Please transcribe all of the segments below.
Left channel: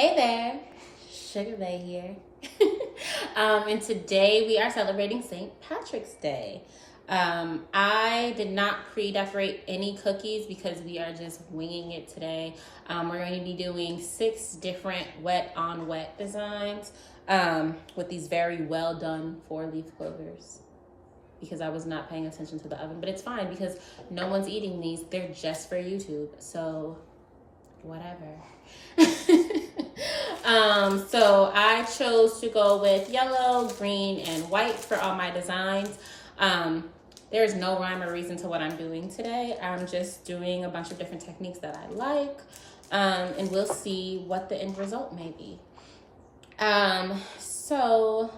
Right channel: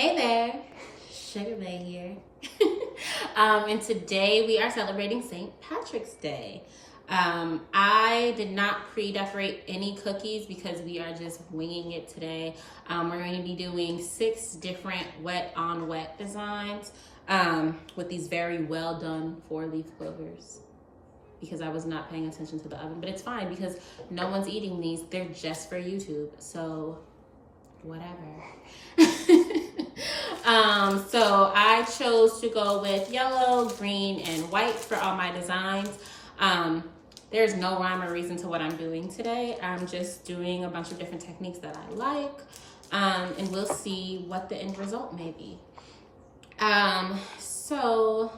Hey there, Sugar Bae here. And today we are celebrating St. Patrick's Day. I did not pre-decorate any cookies because we are just winging it today. We're going to be doing 6 different wet on wet designs with these very well done 4-leaf clovers, because I was not paying attention to the oven, but it's fine because no one's eating these. They're just for YouTube, so whatever. So I chose to go with yellow, green, and white for all my designs. There's no rhyme or reason to what I'm doing today. I'm just doing a bunch of different techniques that I like, and we'll see what the end result may be. So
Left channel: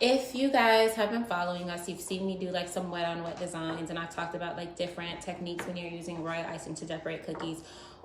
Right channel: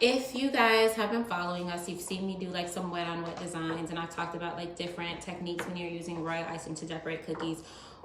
if you guys have been following us, you've seen me do like some wet on wet designs, and I've talked about like different techniques when you're using royal icing to decorate cookies.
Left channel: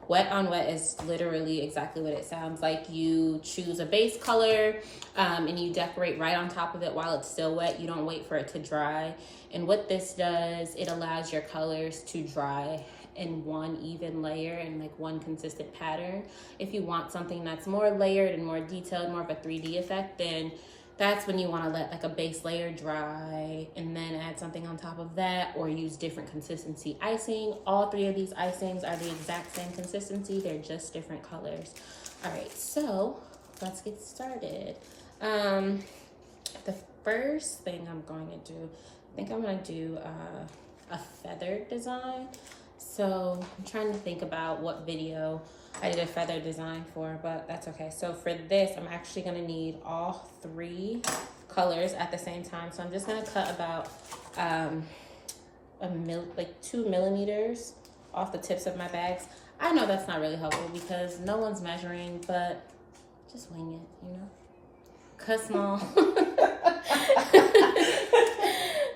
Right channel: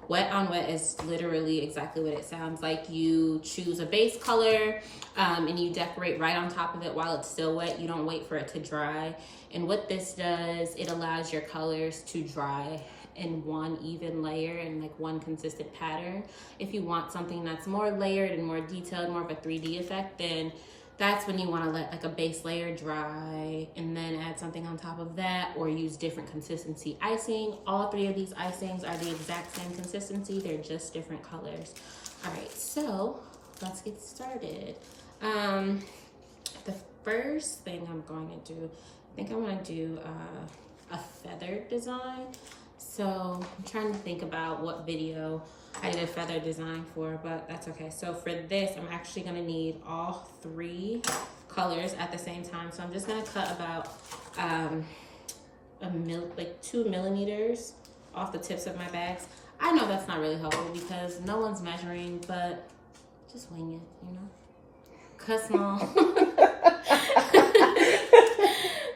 Wet on wet is literally exactly what it sounds like. You choose a base color and you decorate right on top of it while it's still wet. You don't wait for it to dry. And what this does, it allows your colors to dry in one even layer and like one consistent pattern. If you want something that's more layered and more detailed, more of a 3D effect, then that's when you want to let like a base layer dry and then add something on top of that, or use different consistency icing. All 3 of these icings are the exact same consistency. They're just different colors. All right, so let's get started. The first thing I'm going to do, I think I'm going to do a feather design. So I'm trying to think about what video I did a feather design for, but that's okay. So for this, I'm actually gonna need all 3 colors at the same time. So I'm just gonna cut about like 2 millimeters off the tips of my bags. I know that's not really helpful because no one's measuring, but just wing it, you know? Cut small.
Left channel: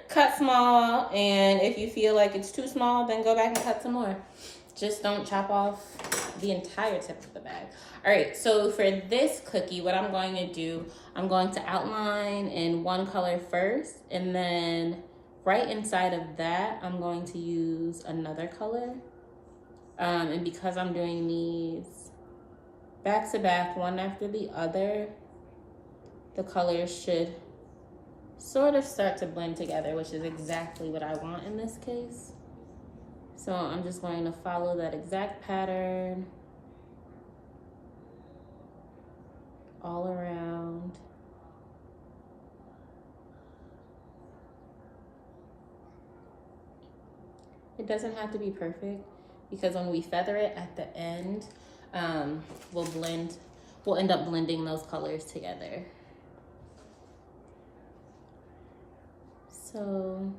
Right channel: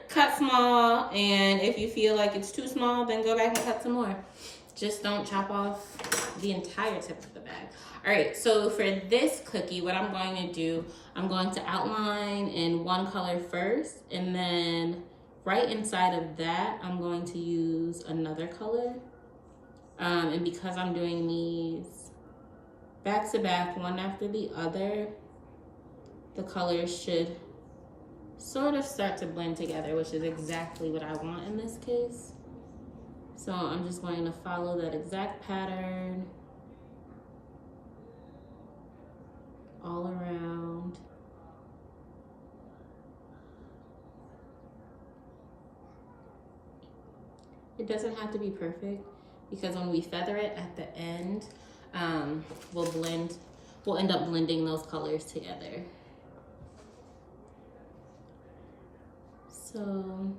Cut small, and if you feel like it's too small, then go back and cut some more. Just don't chop off the entire tip of the bag. All right, so for this cookie, what I'm going to do, I'm going to outline in one color first, and then right inside of that, I'm going to use another color. And because I'm doing these back to back, one after the other, the colors should sort of start to blend together, which is exactly what I want in this case. So I'm just going to follow that exact pattern all around. It doesn't have to be perfect because when we feather it at the end, we'll end up blending those colors together. So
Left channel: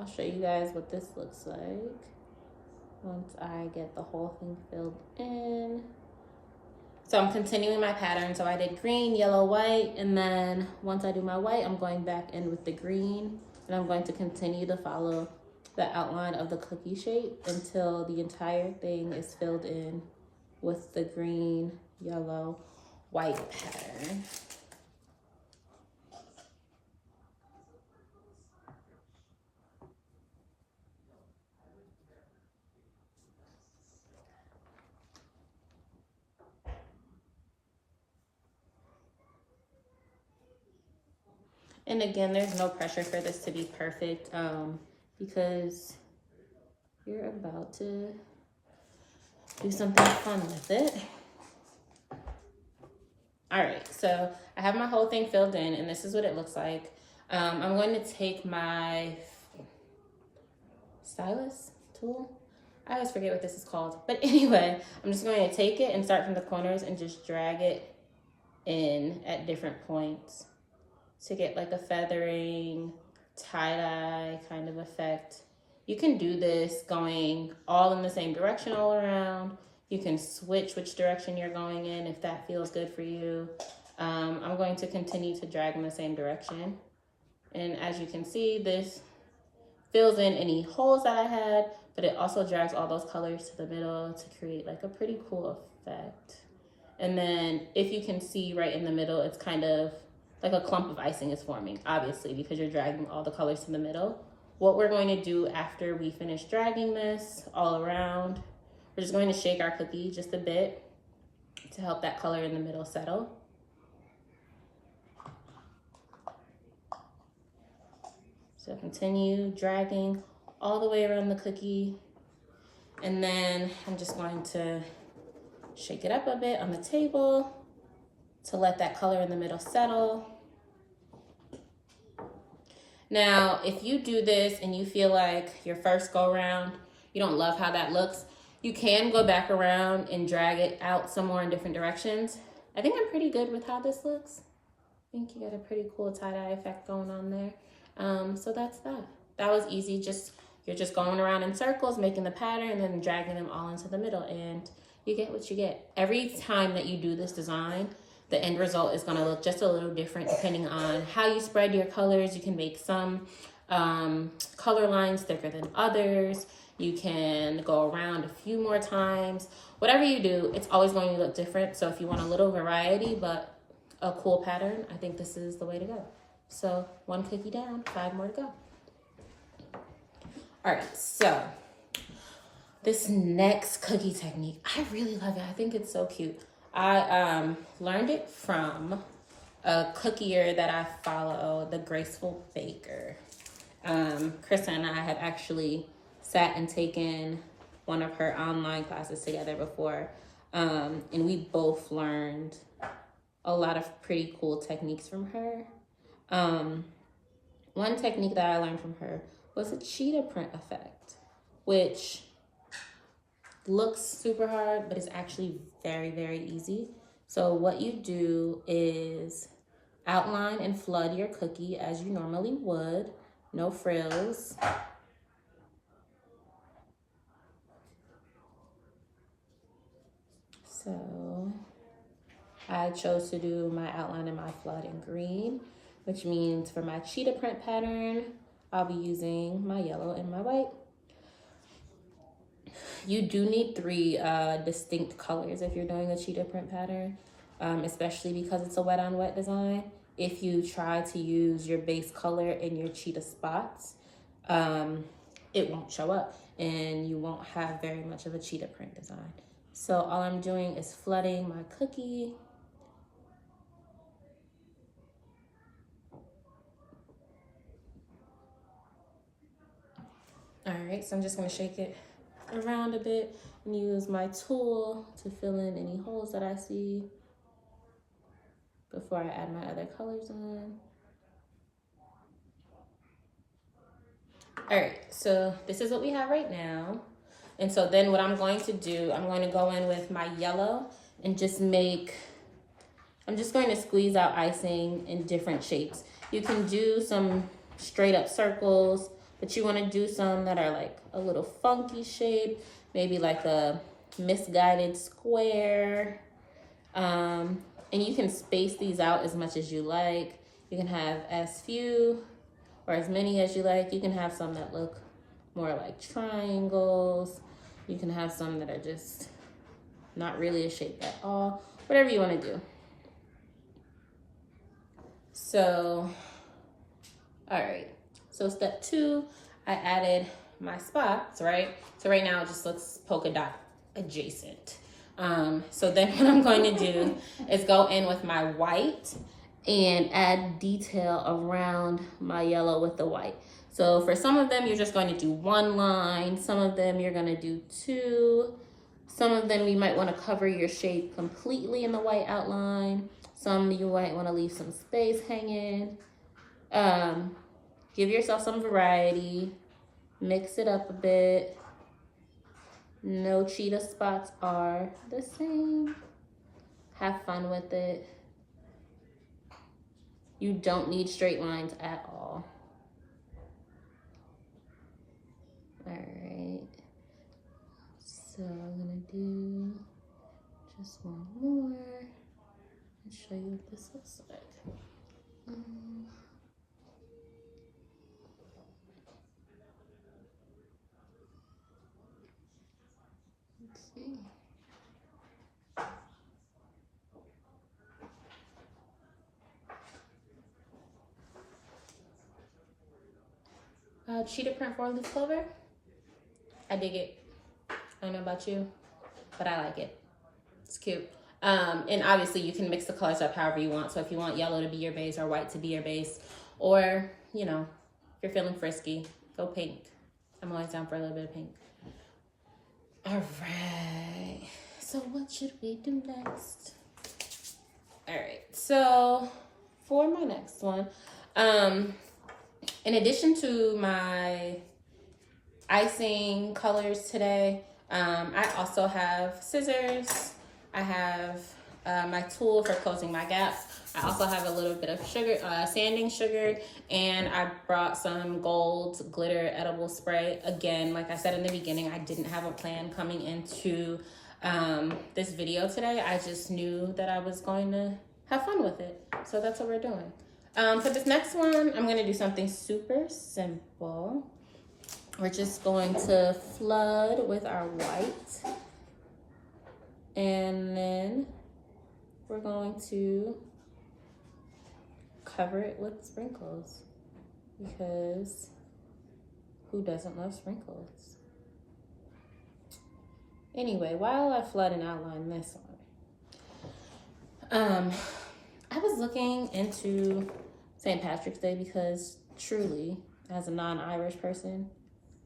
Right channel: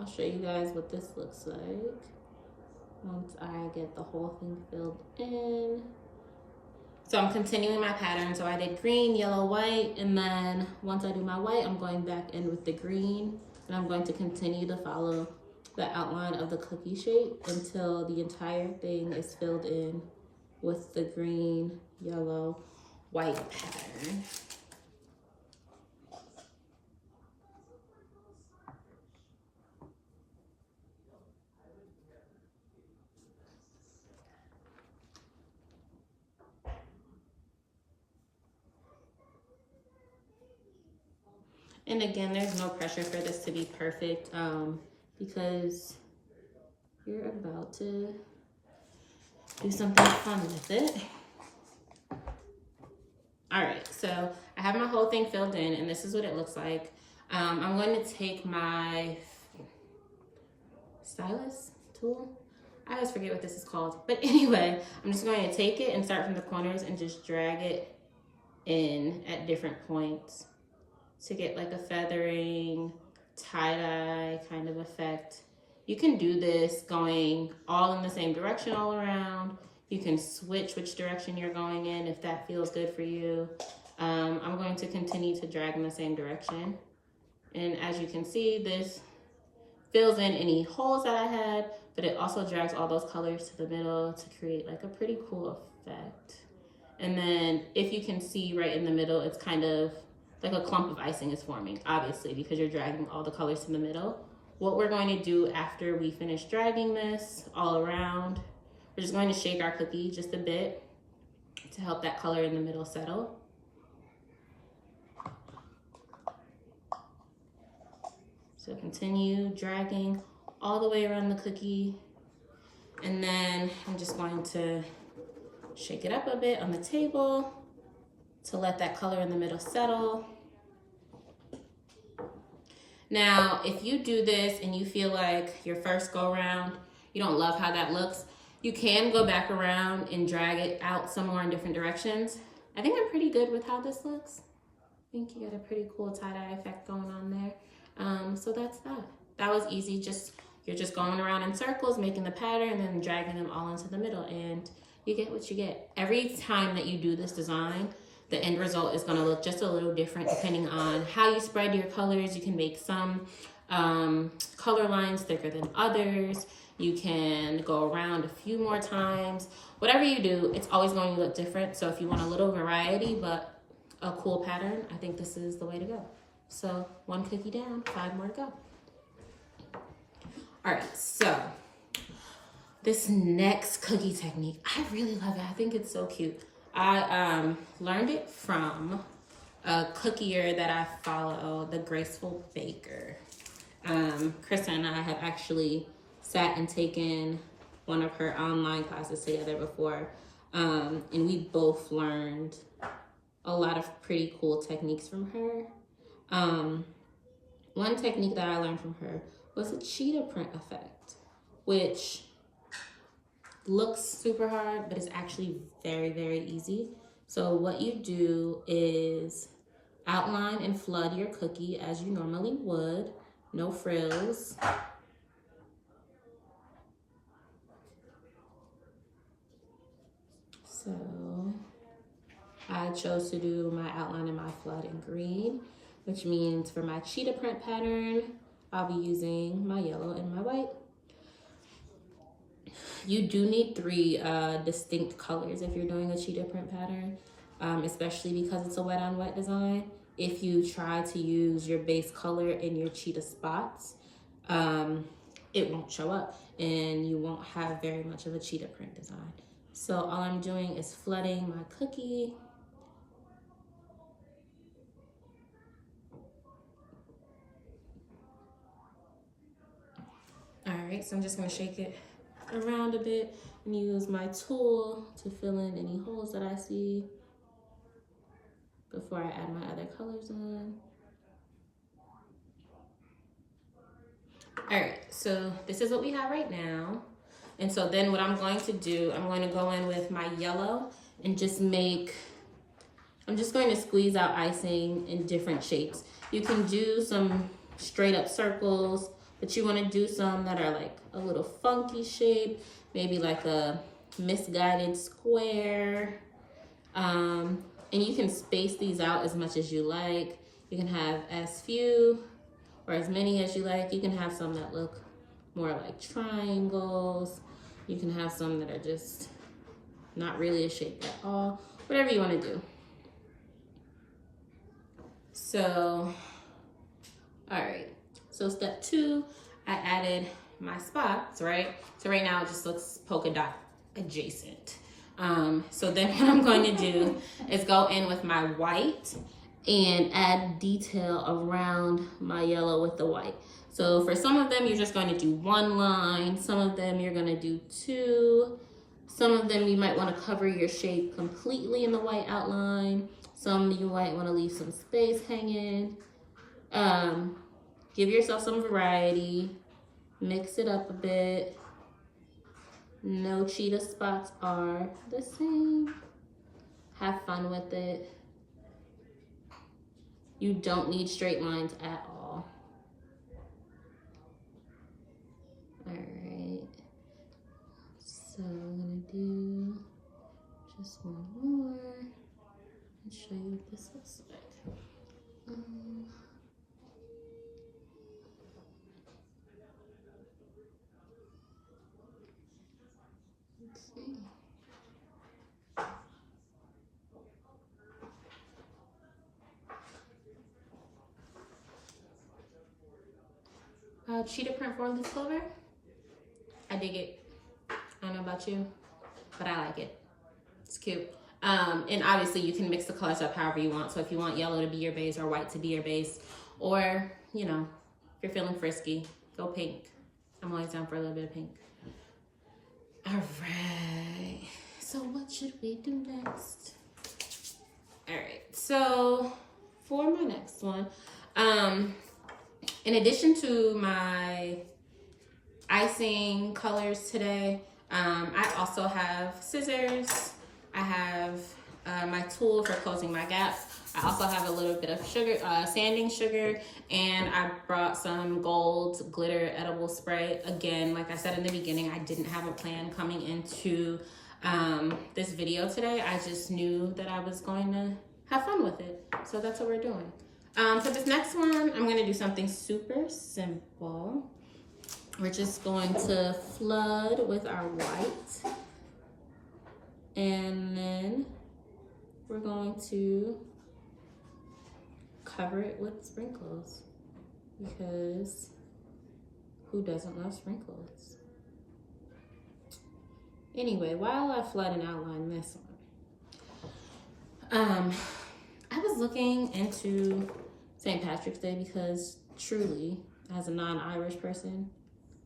I'll show you guys what this looks like once I get the whole thing filled in. So I'm continuing my pattern. So I did green, yellow, white, and then once I do my white, I'm going back in with the green, and I'm going to continue to follow the outline of the cookie shape until the entire thing is filled in with the green, yellow, white pattern. And again, there's no pressure for this to be perfect because you're about to do something fun with it. All right, so I have my whole thing filled in, and this is what it looks like. I'm going to take my stylus tool. I always forget what this is called. But anyway, I'm just going to take it and start from the corners and just drag it in at different points to get like a feathering, tie-dye kind of effect. You can do this going all in the same direction all around. You can switch which direction you're going in if that feels good for you. I'm going to continue to drag in the same direction. And as you can see, this fills in any holes that I had, but it also drags all those colors to the middle to create like a pretty cool effect. And then if you can see right in the middle, it's kind of like a clump of icing is forming, obviously, because you're dragging all the colors to the middle. What we're going to do after we finish dragging this all around, We're just going to shake our cookie just a bit to help that color in the middle settle. So continue dragging all the way around the cookie. And then I'm just going to shake it up a bit on the table to let that color in the middle settle. Now, if you do this and you feel like your first go around, you don't love how that looks, you can go back around and drag it out some more in different directions. I think I'm pretty good with how this looks. I think you got a pretty cool tie-dye effect going on there. So that's that. That was easy. You're just going around in circles, making the pattern, and then dragging them all into the middle, and you get what you get. Every time that you do this design, the end result is going to look just a little different depending on how you spread your colors. You can make some color lines thicker than others. You can go around a few more times. Whatever you do, it's always going to look different. So if you want a little variety but a cool pattern, I think this is the way to go. So 1 cookie down, 5 more to go. All right, so this next cookie technique, I really love it. I think it's so cute. I learned it from a cookier that I follow, the Graceful Baker. Krista and I have actually sat and taken one of her online classes together before, and we both learned a lot of pretty cool techniques from her. One technique that I learned from her was a cheetah print effect, which looks super hard, but it's actually very, very easy. So what you do is outline and flood your cookie as you normally would, no frills. So I chose to do my outline and my flood in green, which means for my cheetah print pattern, I'll be using my yellow and my white. You do need 3 distinct colors if you're doing a cheetah print pattern, especially because it's a wet on wet design. If you try to use your base color in your cheetah spots, it won't show up and you won't have very much of a cheetah print design. So all I'm doing is flooding my cookie. All right, so I'm just gonna shake it around a bit and use my tool to fill in any holes that I see before I add my other colors on. All right, so this is what we have right now. And so then what I'm going to do, I'm going to go in with my yellow and just I'm just going to squeeze out icing in different shapes. You can do some straight up circles, but you want to do some that are like a little funky shape, maybe like a misguided square. And you can space these out as much as you like. You can have as few or as many as you like. You can have some that look more like triangles. You can have some that are just not really a shape at all. Whatever you want to do. So, all right. So step 2, I added my spots, right? So right now it just looks polka dot adjacent. So then what I'm going to do is go in with my white and add detail around my yellow with the white. So for some of them, you're just going to do 1 line. Some of them you're going to do 2. Some of them you might want to cover your shape completely in the white outline. Some you might want to leave some space hanging. Give yourself some variety. Mix it up a bit. No cheetah spots are the same. Have fun with it. You don't need straight lines at all. All right. So I'm gonna do just 1 more and show you what this looks like. Let's see. Cheetah print 4-leaf clover. I dig it. I don't know about you. but I like it. It's cute. And obviously you can mix the colors up however you want. So if you want yellow to be your base or white to be your base, or, you know, if you're feeling frisky, go pink. I'm always down for a little bit of pink. All right. So what should we do next? All right. So for my next one, in addition to my icing colors today, I also have scissors. I have my tool for closing my gaps. I also have a little bit of sugar, sanding sugar, and I brought some gold glitter edible spray. Again, like I said in the beginning, I didn't have a plan coming into this video today. I just knew that I was going to have fun with it. So that's what we're doing. For this next one, I'm gonna do something super simple. We're just going to flood with our white. And then we're going to cover it with sprinkles, because who doesn't love sprinkles? Anyway, while I flood and outline this one, I was looking into St. Patrick's Day because truly, as a non-Irish person,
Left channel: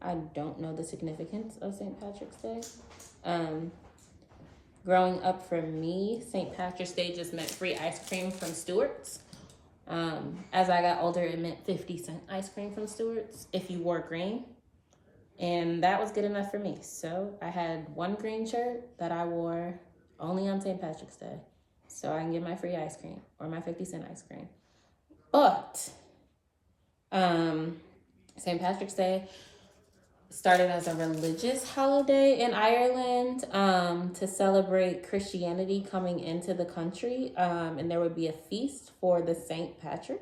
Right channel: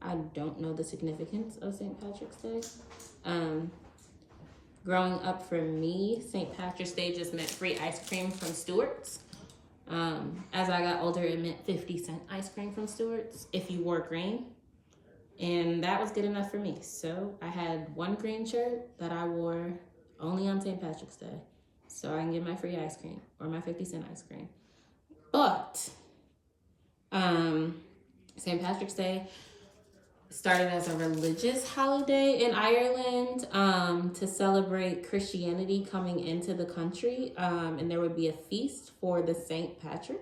I don't know the significance of St. Patrick's Day. Growing up for me, St. Patrick's Day just meant free ice cream from Stewart's. As I got older, it meant 50-cent ice cream from Stewart's if you wore green. And that was good enough for me. So I had one green shirt that I wore only on St. Patrick's Day, so I can get my free ice cream or my 50-cent ice cream. But St. Patrick's Day started as a religious holiday in Ireland to celebrate Christianity coming into the country. And there would be a feast for the St. Patrick.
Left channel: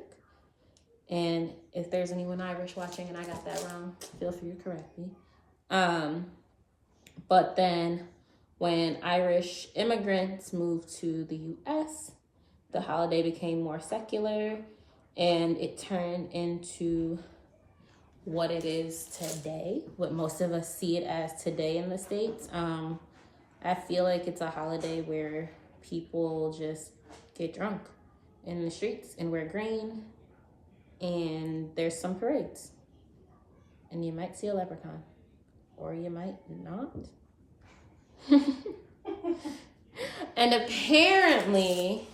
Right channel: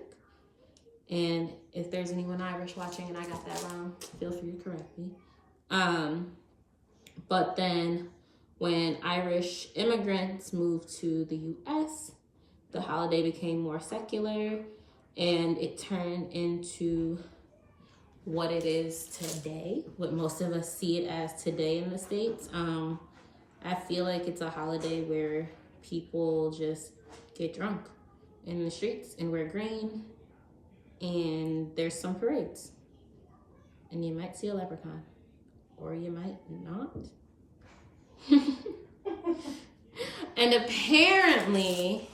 And if there's anyone Irish watching and I got that wrong, feel free to correct me. But then when Irish immigrants moved to the US, the holiday became more secular and it turned into what it is today, what most of us see it as today in the States. I feel like it's a holiday where people just get drunk in the streets and wear green, and there's some parades. And you might see a leprechaun, or you might not. And apparently,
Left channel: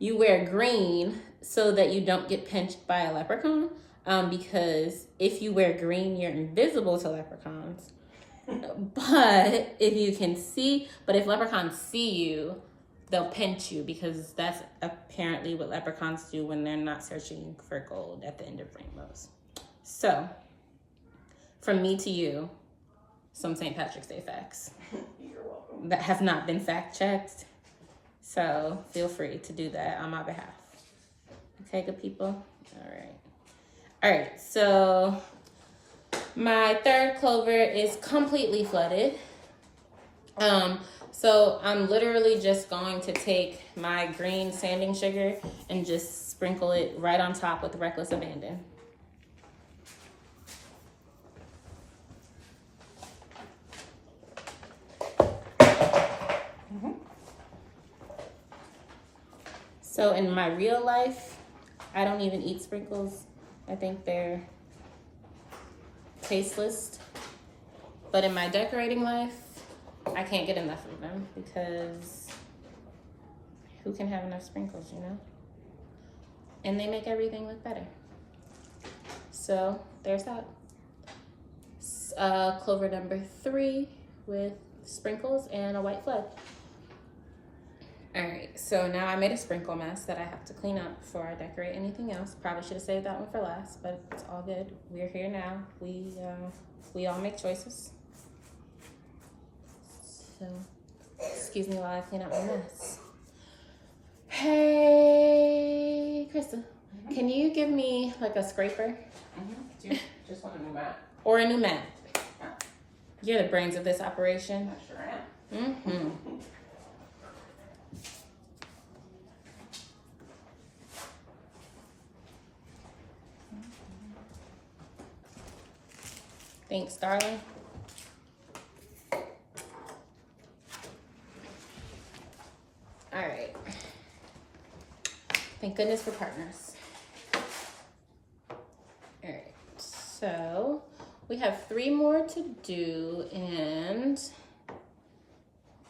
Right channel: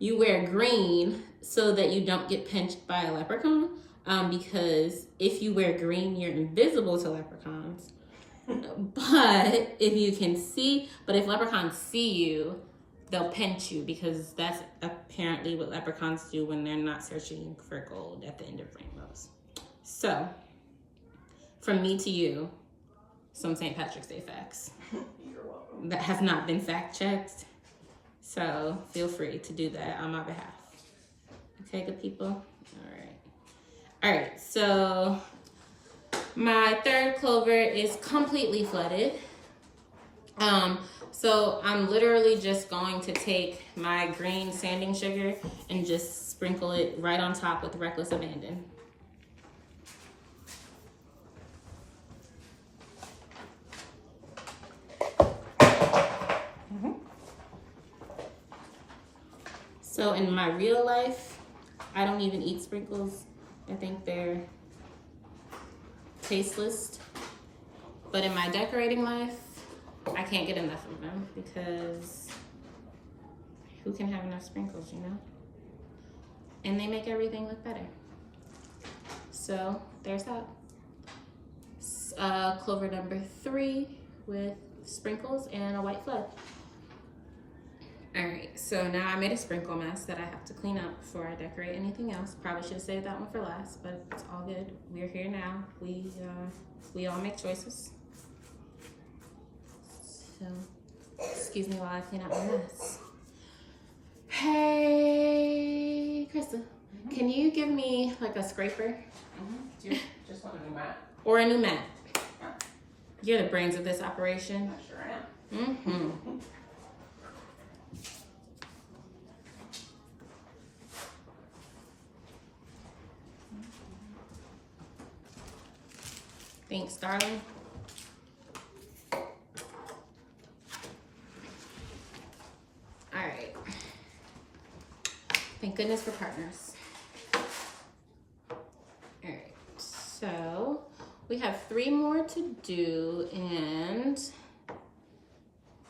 you wear green so that you don't get pinched by a leprechaun. Because if you wear green, you're invisible to leprechauns. But if leprechauns see you, they'll pinch you, because that's apparently what leprechauns do when they're not searching for gold at the end of rainbows. So, from me to you, some St. Patrick's Day facts. You're welcome. That have not been fact checked. So, feel free to do that on my behalf. Okay, good people? All right. All right, so my third clover is completely flooded. So I'm literally just going to take my green sanding sugar and just sprinkle it right on top with reckless abandon. So in my real life, I don't even eat sprinkles. I think they're tasteless. But in my decorating life, I can't get enough of them, because who can have enough sprinkles, you know? And they make everything look better. So there's that. Clover number 3 with sprinkles and a white flood. All right, so now I made a sprinkle mess that I have to clean up before I decorate anything else. Probably should have saved that one for last, but it's all good. We're here now. We all make choices. So, excuse me while I clean up my mess. Hey, Krista, can you give me like a scraper? Do you just want a new mat? Or a new mat. Yeah. You're the brains of this operation. I sure am. Mm-hmm. Thanks, darling. Thank goodness for partners. All right, so we have 3 more to do, and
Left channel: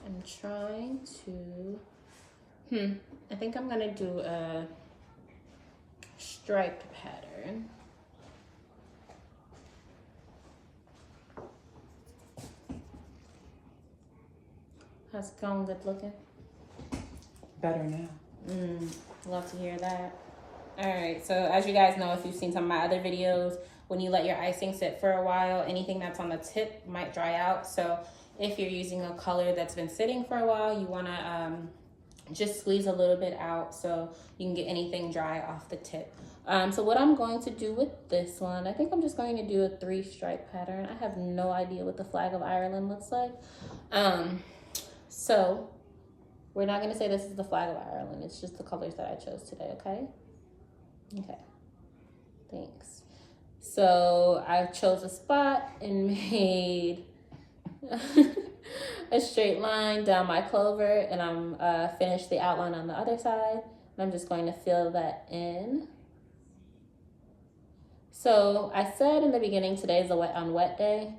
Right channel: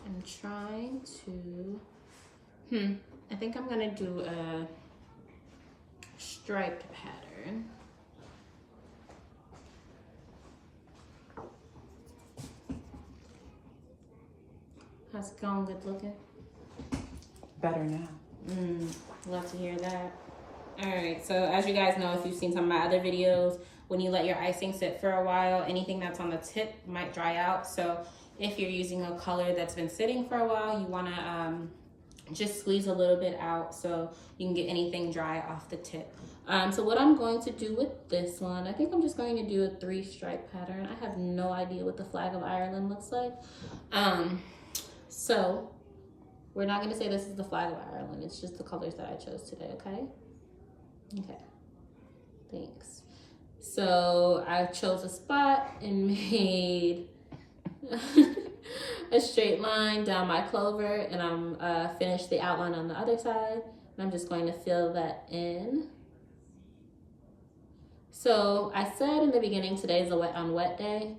I'm trying to, I think I'm gonna do a striped pattern. How's it going? Good looking? Better now. Love to hear that. All right, so as you guys know, if you've seen some of my other videos, when you let your icing sit for a while, anything that's on the tip might dry out. So if you're using a color that's been sitting for a while, you wanna just squeeze a little bit out so you can get anything dry off the tip. So what I'm going to do with this one, I think I'm just going to do a 3 stripe pattern. I have no idea what the flag of Ireland looks like. So we're not gonna say this is the flag of Ireland. It's just the colors that I chose today, okay? Okay, thanks. So I chose a spot and made a straight line down my clover, and I'm finished the outline on the other side. And I'm just going to fill that in. So I said in the beginning, today is a wet on wet day.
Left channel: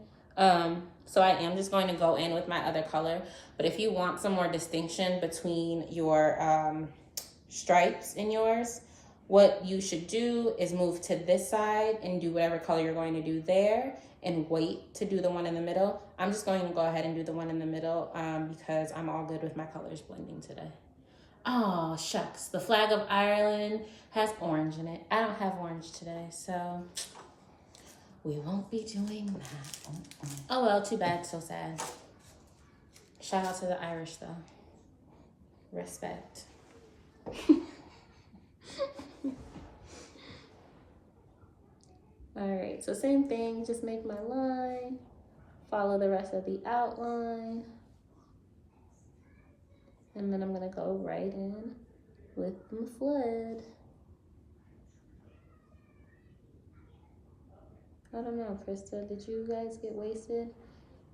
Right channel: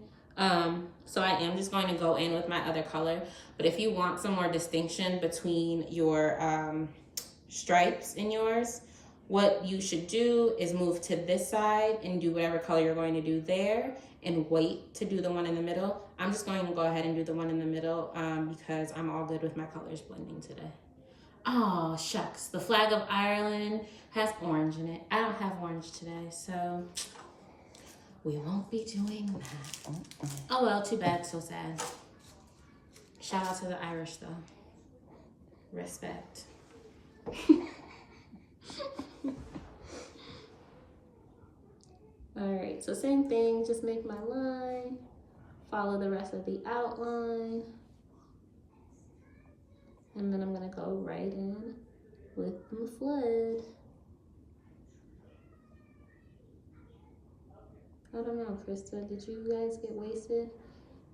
So I am just going to go in with my other color. But if you want some more distinction between your stripes in yours, what you should do is move to this side and do whatever color you're going to do there and wait to do the one in the middle. I'm just going to go ahead and do the one in the middle because I'm all good with my colors blending today. Oh, shucks. The flag of Ireland has orange in it. I don't have orange today, so we won't be doing that. Oh, well, too bad, so sad. Shout out to the Irish, though. Respect. All right, so same thing, just make my line, follow the rest of the outline, and then I'm gonna go right in with my flood. I don't know, Krista, did you guys get wasted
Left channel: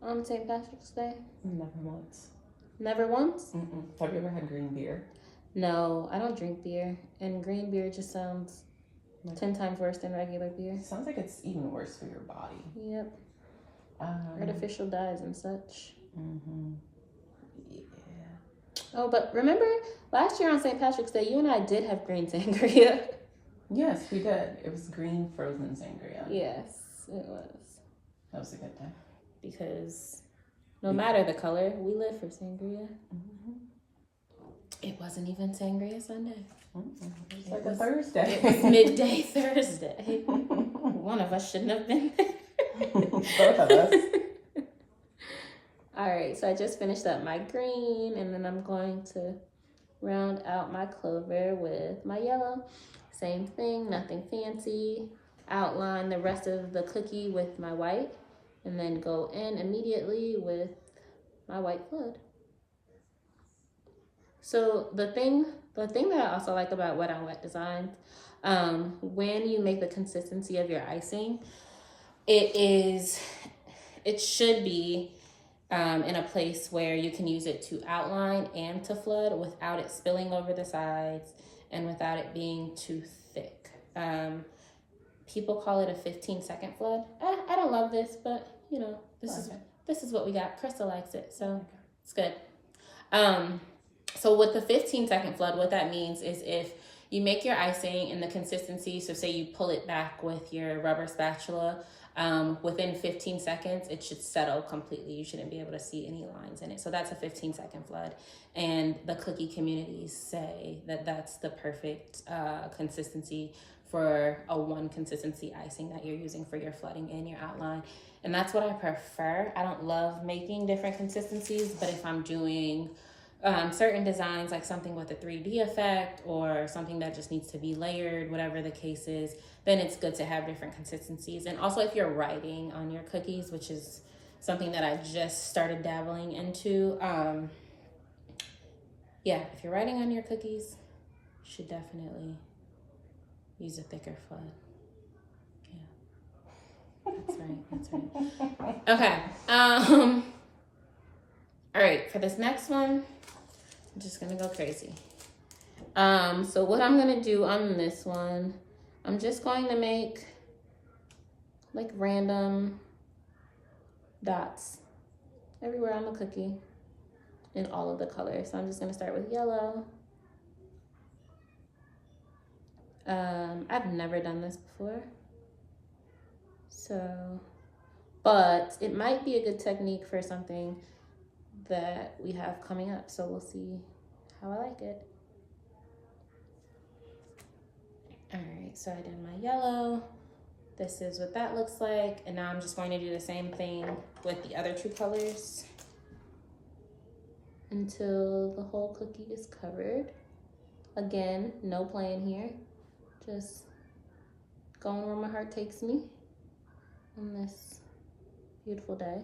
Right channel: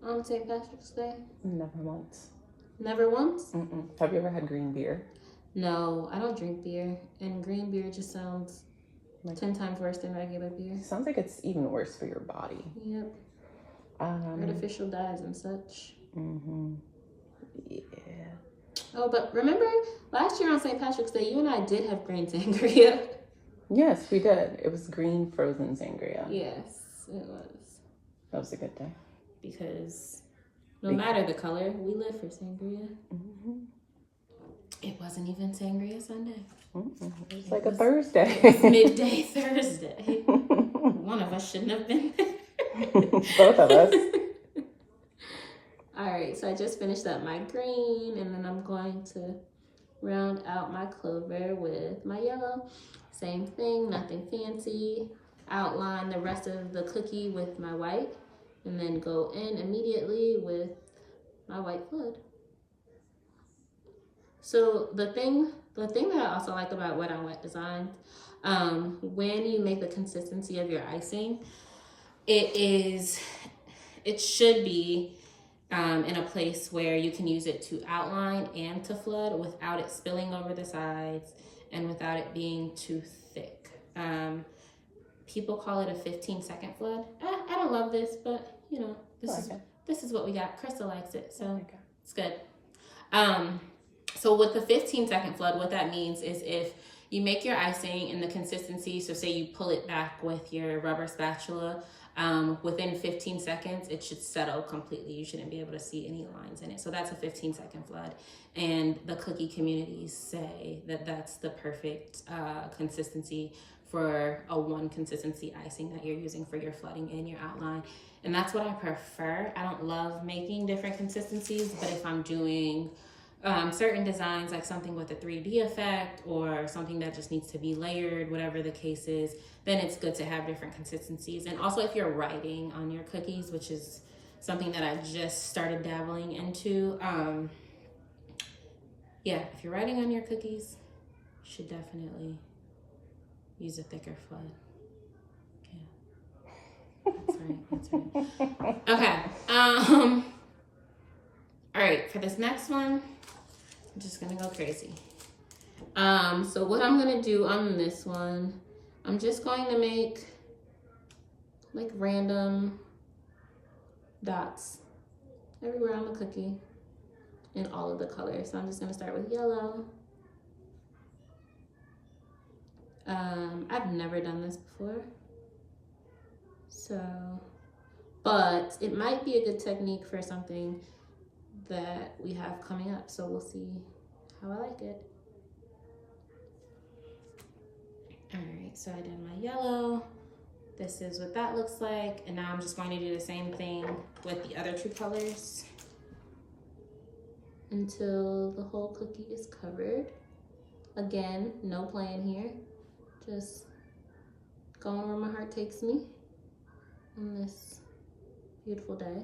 on St. Patrick's Day? Never once. Never once? Have you ever had green beer? No, I don't drink beer, and green beer just sounds 10 times worse than regular beer. Sounds like it's even worse for your body. Yep. Artificial dyes and such. Yeah. Oh, but remember last year on St. Patrick's Day, you and I did have green sangria. Yes, we did. It was green frozen sangria. Yes, it was. That was a good day. Because no matter the color, we live for sangria. It wasn't even sangria Sunday. It was like a Thursday. It was midday Thursday. One of us shouldn't have been there. Both of us. All right, so I just finished up my green, and then I'm going to round out my clover with my yellow. Same thing, nothing fancy. Outline the rest of the cookie with my white, and then go in immediately with my white flood. So the thing that I also like about wet on wet designs, when you make the consistency of your icing, it should be in a place where you can use it to outline and to flood without it spilling over the sides and without it being too thick. People call it a 15-second flood. I don't love this, but you know, this is what we got. Krista likes it, so it's good. So with the 15-second flood, what that means is if you make your icing in the consistency, so say you pull it back with your rubber spatula, within 15 seconds, it should settle completely. You shouldn't be able to see any lines in it. So that's a 15-second flood. And the cookie communities say that that's the perfect consistency for a one consistency icing that you're using for your flooding and your outline. And that's what I prefer. I don't love making different consistencies, but if I'm doing certain designs, like something with a 3D effect or something that just needs to be layered, whatever the case is, then it's good to have different consistencies. And also if you're writing on your cookies, which is something that I just started dabbling into, yeah, if you're writing on your cookies, you should definitely use a thicker flood. Yeah, that's right. Okay, all right, for this next one, I'm just gonna go crazy. So what I'm gonna do on this one, I'm just going to make like random dots everywhere on the cookie in all of the colors. So I'm just gonna start with yellow. I've never done this before, so, but it might be a good technique for something that we have coming up, so we'll see how I like it. All right, so I did my yellow. This is what that looks like, and now I'm just going to do the same thing with the other two colors until the whole cookie is covered. Again, no playing here, just going where my heart takes me on this beautiful day.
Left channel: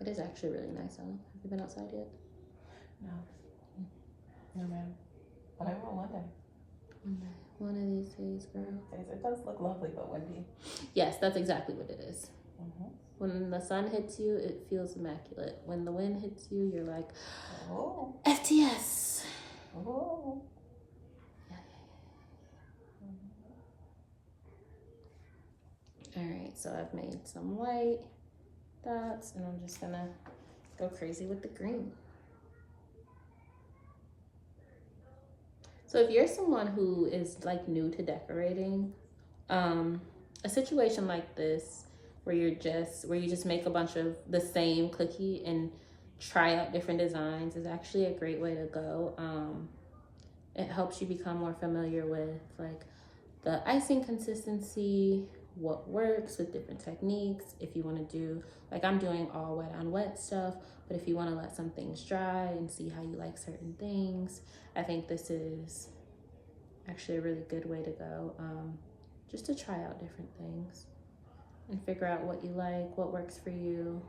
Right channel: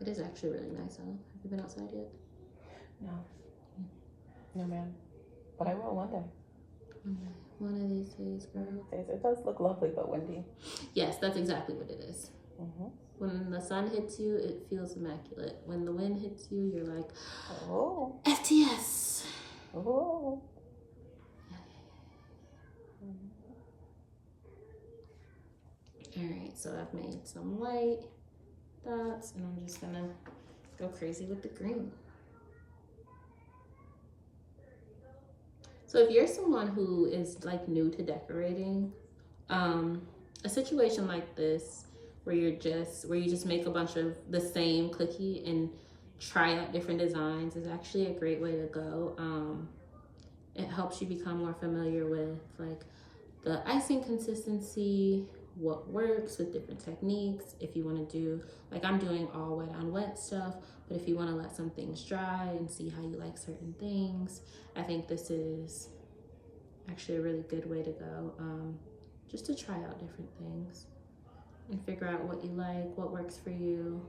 It is actually really nice out. Have you been outside yet? No. No, ma'am. But I will one day. One of these days, girl. It does look lovely, but windy. Yes, that's exactly what it is. When the sun hits you, it feels immaculate. When the wind hits you, you're like, oh. FTS. Oh. All right, so I've made some white dots, and I'm just gonna go crazy with the green. So if you're someone who is like new to decorating, a situation like this where you just make a bunch of the same cookie and try out different designs is actually a great way to go. It helps you become more familiar with like the icing consistency, what works with different techniques. If you want to do, like I'm doing all wet on wet stuff, but if you want to let some things dry and see how you like certain things, I think this is actually a really good way to go, just to try out different things and figure out what you like, what works for you,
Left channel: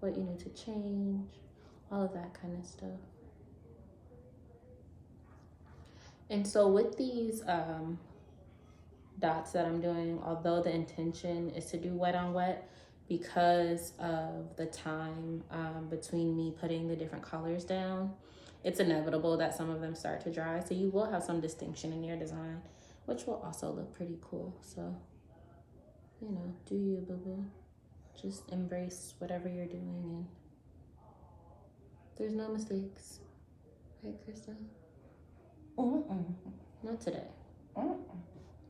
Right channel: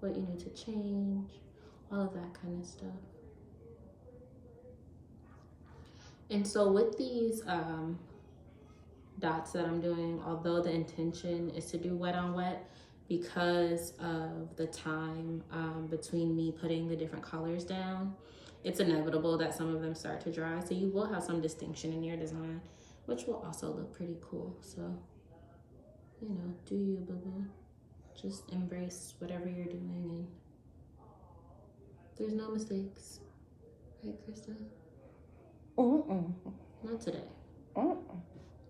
what you need to change, all of that kind of stuff. And so with these dots that I'm doing, although the intention is to do wet on wet, because of the time between me putting the different colors down, it's inevitable that some of them start to dry. So you will have some distinction in your design, which will also look pretty cool. So, you know, do you, boo-boo. Just embrace whatever you're doing, and there's no mistakes. Right, Krista? Not today.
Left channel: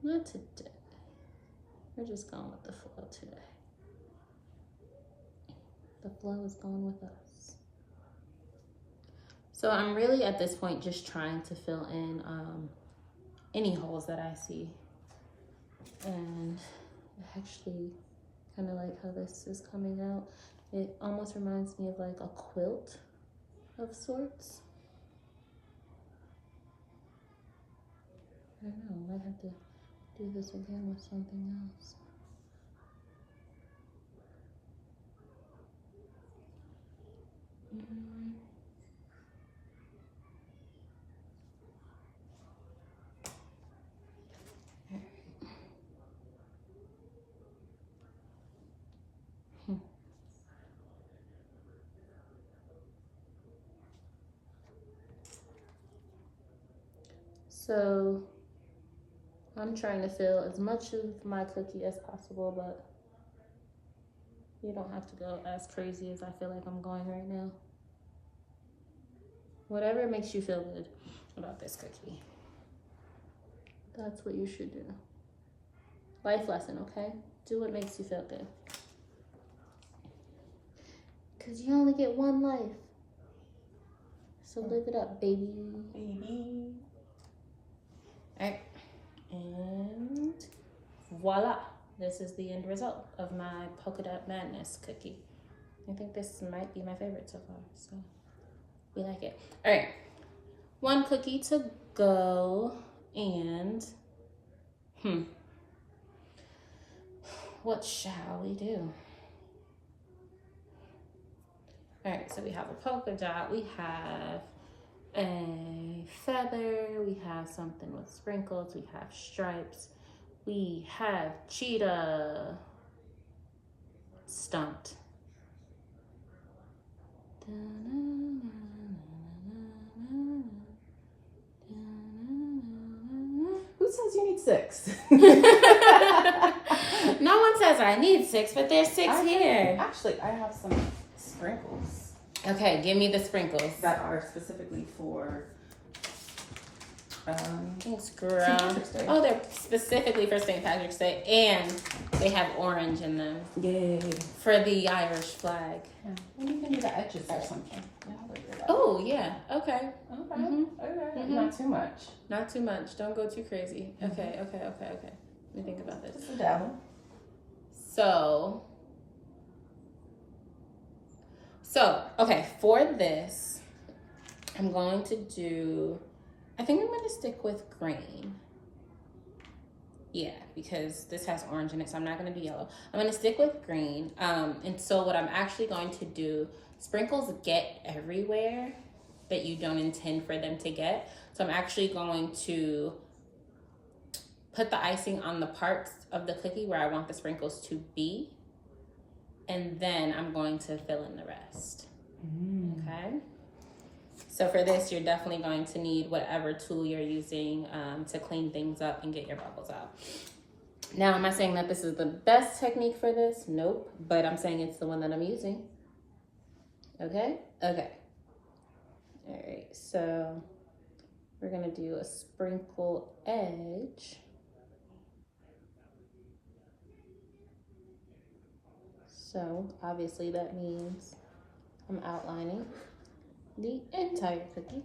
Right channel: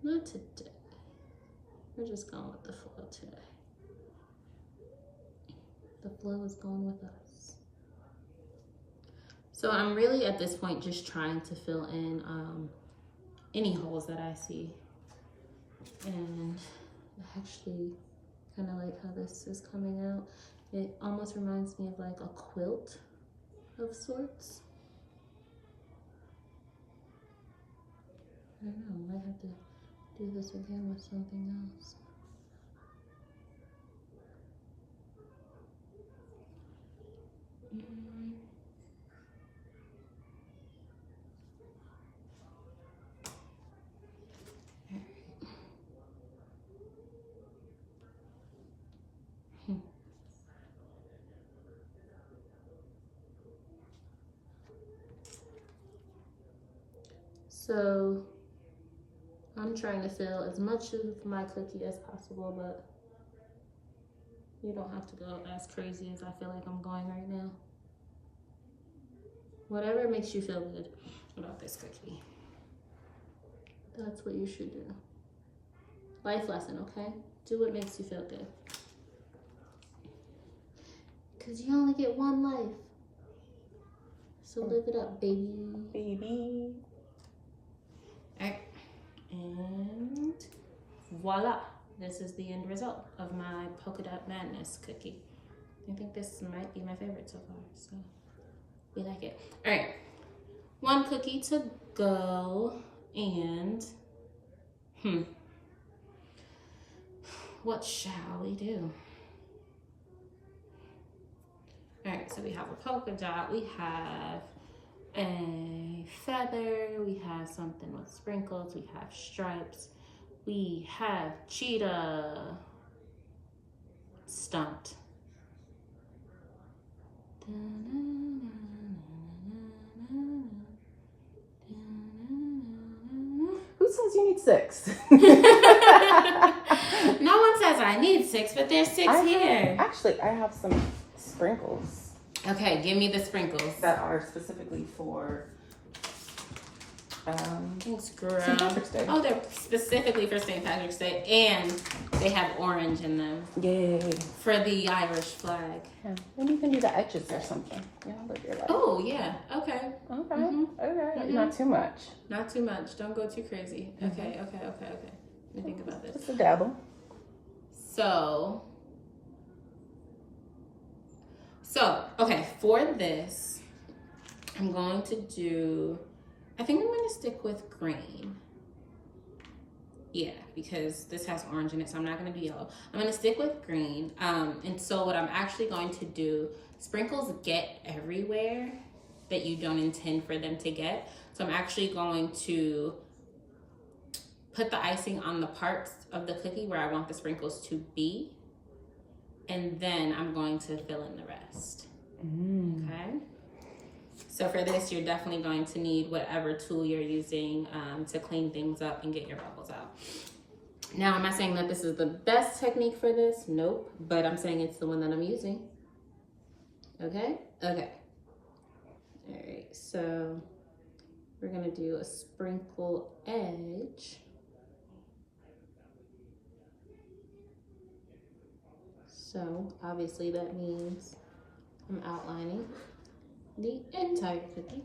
Not today. We're just going with the flow today. The flow is going with us. So I'm really at this point just trying to fill in any holes that I see. And I actually kind of like how this is coming out. It almost reminds me of like a quilt of sorts. I don't know, I might have to do this again with something else. So I'm trying to fill as much of my cookie as possible, but you don't have to go as crazy as I feel like I'm going right now. Whatever makes you feel good about this cookie, that's what you should do. Life lesson, okay? Do what makes you feel good. Because you only get one life. So live it up, baby. Baby. All right. And voila. This is the end result of my polka dot madness cookie. I think this might be my favorite so far, so we like it. All right, one cookie to go, and what shall we do? All right, so we have a polka dot, we have a feather, we have something with sprinkles, we have stripes, we have cheetah stunt. 6. No one says I need 6, but there's 6 here. Actually, I have some sprinkles. Okay, give me the sprinkles. That are specifically for Thanks, girl. St. Patrick's Day. Oh, they're specifically for St. Patrick's Day, and they have orange in them. Yay. For the Irish flag. Yeah. And you can do the edges or something. Yeah, look at that. Oh, yeah. Okay. Okay. Mhm. Okay. Mhm. Not too much. Not too much. Don't go too crazy. Okay. Let me think about this. Just a dabble. So, okay, for this, I'm going to do, I think I'm going to stick with green. Yeah, because this has orange in it, so I'm not going to do yellow. I'm going to stick with green. And so what I'm actually going to do, sprinkles get everywhere that you don't intend for them to get. So I'm actually going to put the icing on the parts of the cookie where I want the sprinkles to be. And then I'm going to fill in the rest. Okay? So for this, you're definitely going to need whatever tool you're using to clean things up and get your bubbles out. Now, am I saying that this is the best technique for this? Nope. But I'm saying it's the one that I'm using. Okay? Okay. All right. So we're going to do a sprinkle edge. So obviously that means I'm outlining the entire cookie.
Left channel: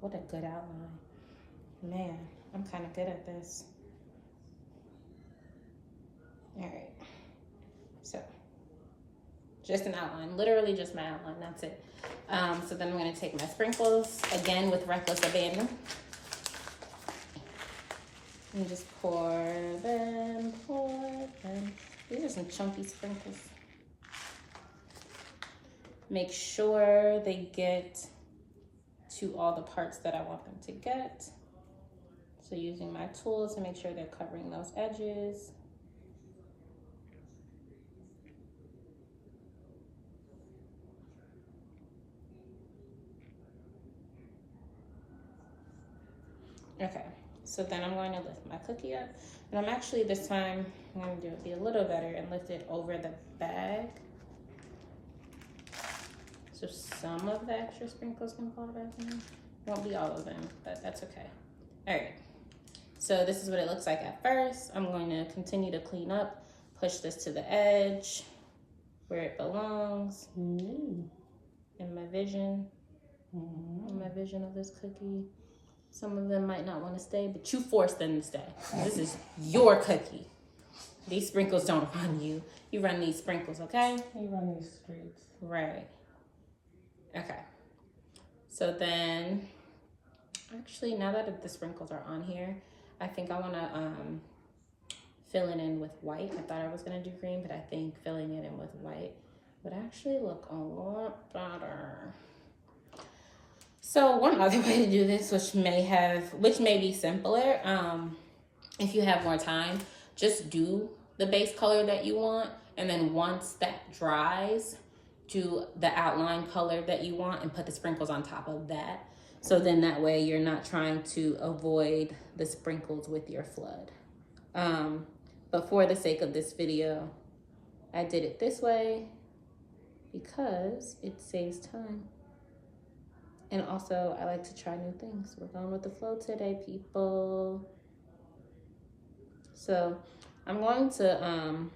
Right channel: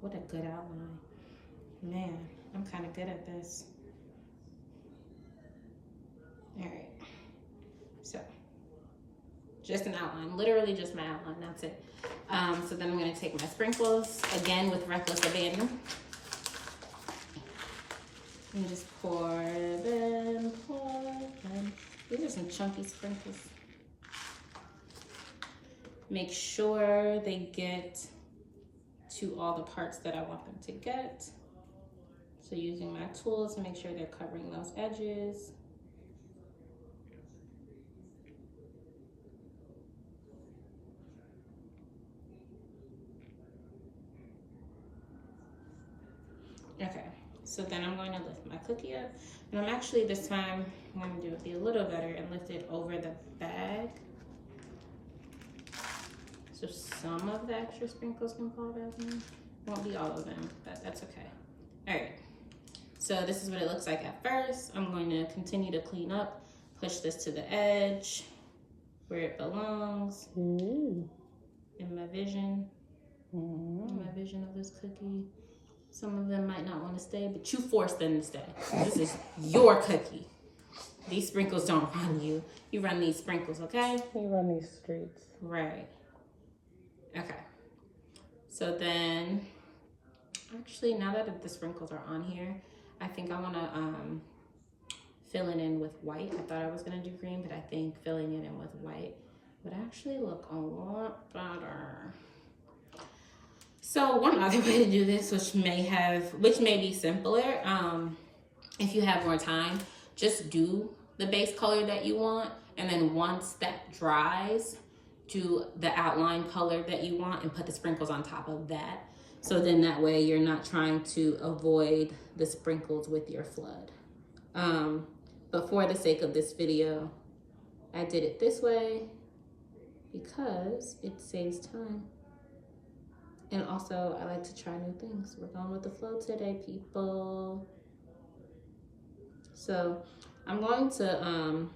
What a good outline. Man, I'm kind of good at this. All right. So just an outline, literally just my outline, that's it. So then I'm gonna take my sprinkles, again with reckless abandon. And just pour them. These are some chunky sprinkles. Make sure they get to all the parts that I want them to get. So using my tools to make sure they're covering those edges. Okay, so then I'm going to lift my cookie up. And I'm actually, this time, I'm going to do it a little better and lift it over the bag. So some of the extra sprinkles can fall back in. Won't be all of them, but that's okay. All right, so this is what it looks like at first. I'm going to continue to clean up, push this to the edge where it belongs. In my vision, in my vision of this cookie. Some of them might not want to stay, but you force them to stay. This is your cookie. These sprinkles don't run you. You run these sprinkles, okay? You run these streets. Right. Okay. So then, actually, now that the sprinkles are on here, I think I want to fill it in with white. I thought I was going to do green, but I think filling it in with white would actually look a lot better. So one other way to do this, which may be simpler, if you have more time, just do the base color that you want, and then once that dries, do the outline color that you want and put the sprinkles on top of that. So then that way you're not trying to avoid the sprinkles with your flood. But for the sake of this video, I did it this way because it saves time. And also, I like to try new things. We're going with the flow today, people. So I'm going to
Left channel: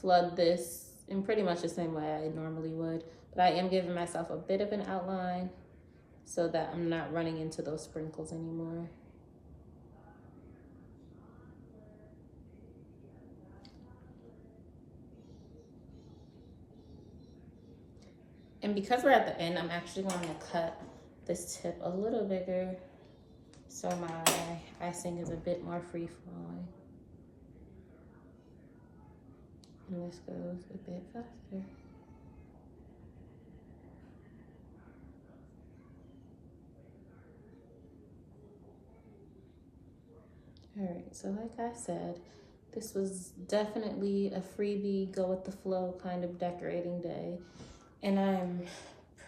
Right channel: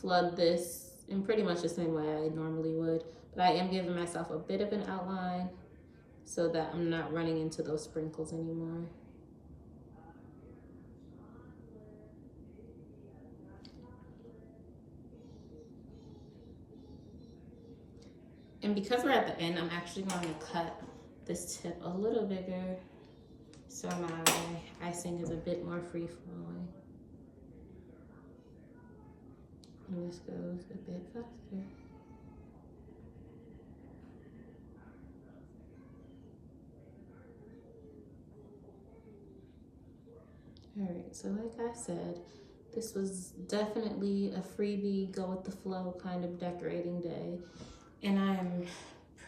flood this in pretty much the same way I normally would, but I am giving myself a bit of an outline so that I'm not running into those sprinkles anymore. And because we're at the end, I'm actually going to cut this tip a little bigger so my icing is a bit more free flowing. And this goes a bit faster. All right, so like I said, this was definitely a freebie, go with the flow kind of decorating day. And I'm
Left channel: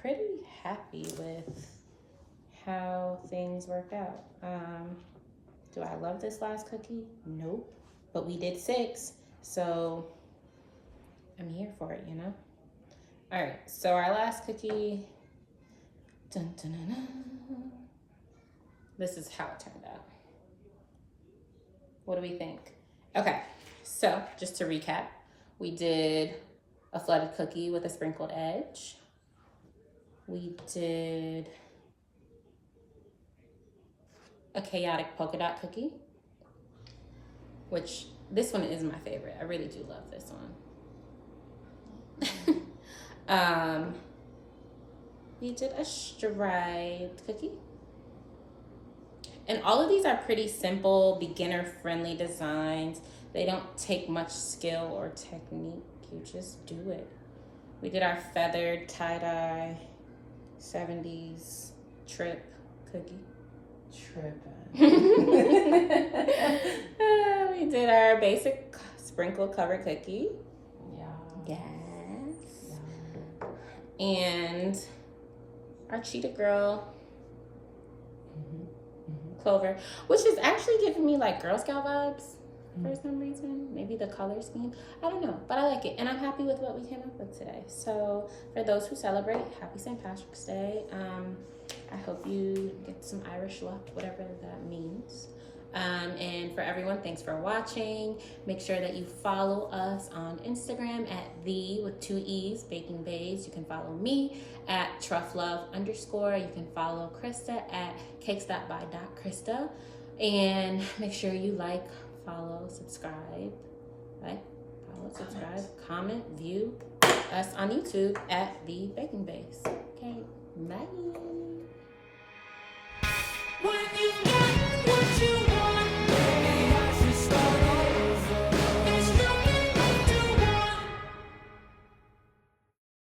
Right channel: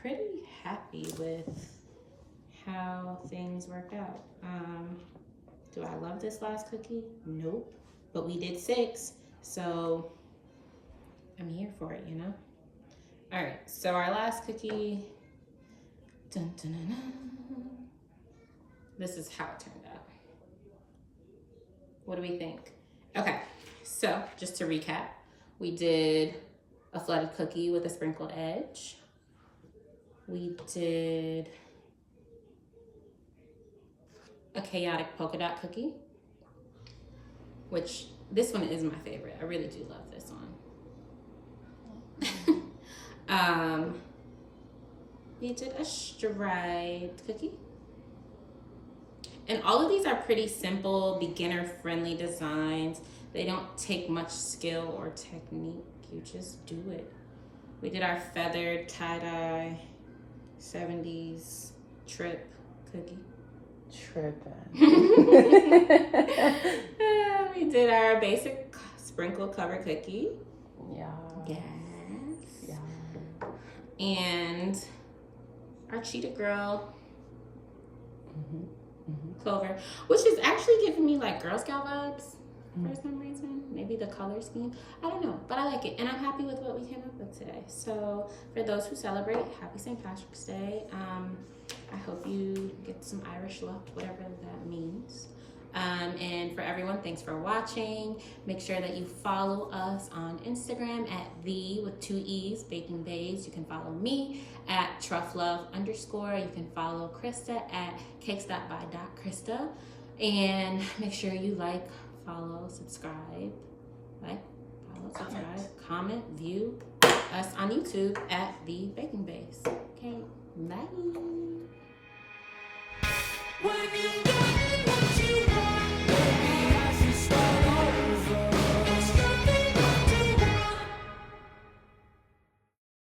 pretty happy with how things worked out. Do I love this last cookie? Nope. But we did 6, so I'm here for it, you know? All right, so our last cookie, dun, dun, dun, dun. This is how it turned out. What do we think? Okay, so just to recap, we did a flooded cookie with a sprinkled edge. We did a chaotic polka dot cookie, which this one is my favorite. I really do love this one. We did a striped cookie. And all of these are pretty simple, beginner-friendly designs. They don't take much skill or technique. You just do it. We did our feathered tie-dye 70s trip cookie. We did our basic sprinkle cover cookie. Yeah. Yes. Yeah. And our cheetah girl clover, which is actually giving me like Girl Scout vibes for some reason. Maybe the color scheme, I don't know, but I like it and I'm happy with what we came up with today. So for those who celebrate, happy St. Patrick's Day. I hope you get some Irish luck, whatever that means. And for everyone, thanks for watching. Make sure that you follow us on Instagram at with 2 E's, Baking Baes. You can follow me at trufflove_. You can follow Krista at cakes.by.krista. And make sure you like, follow, subscribe, comment, view us on YouTube at The Baking Baes.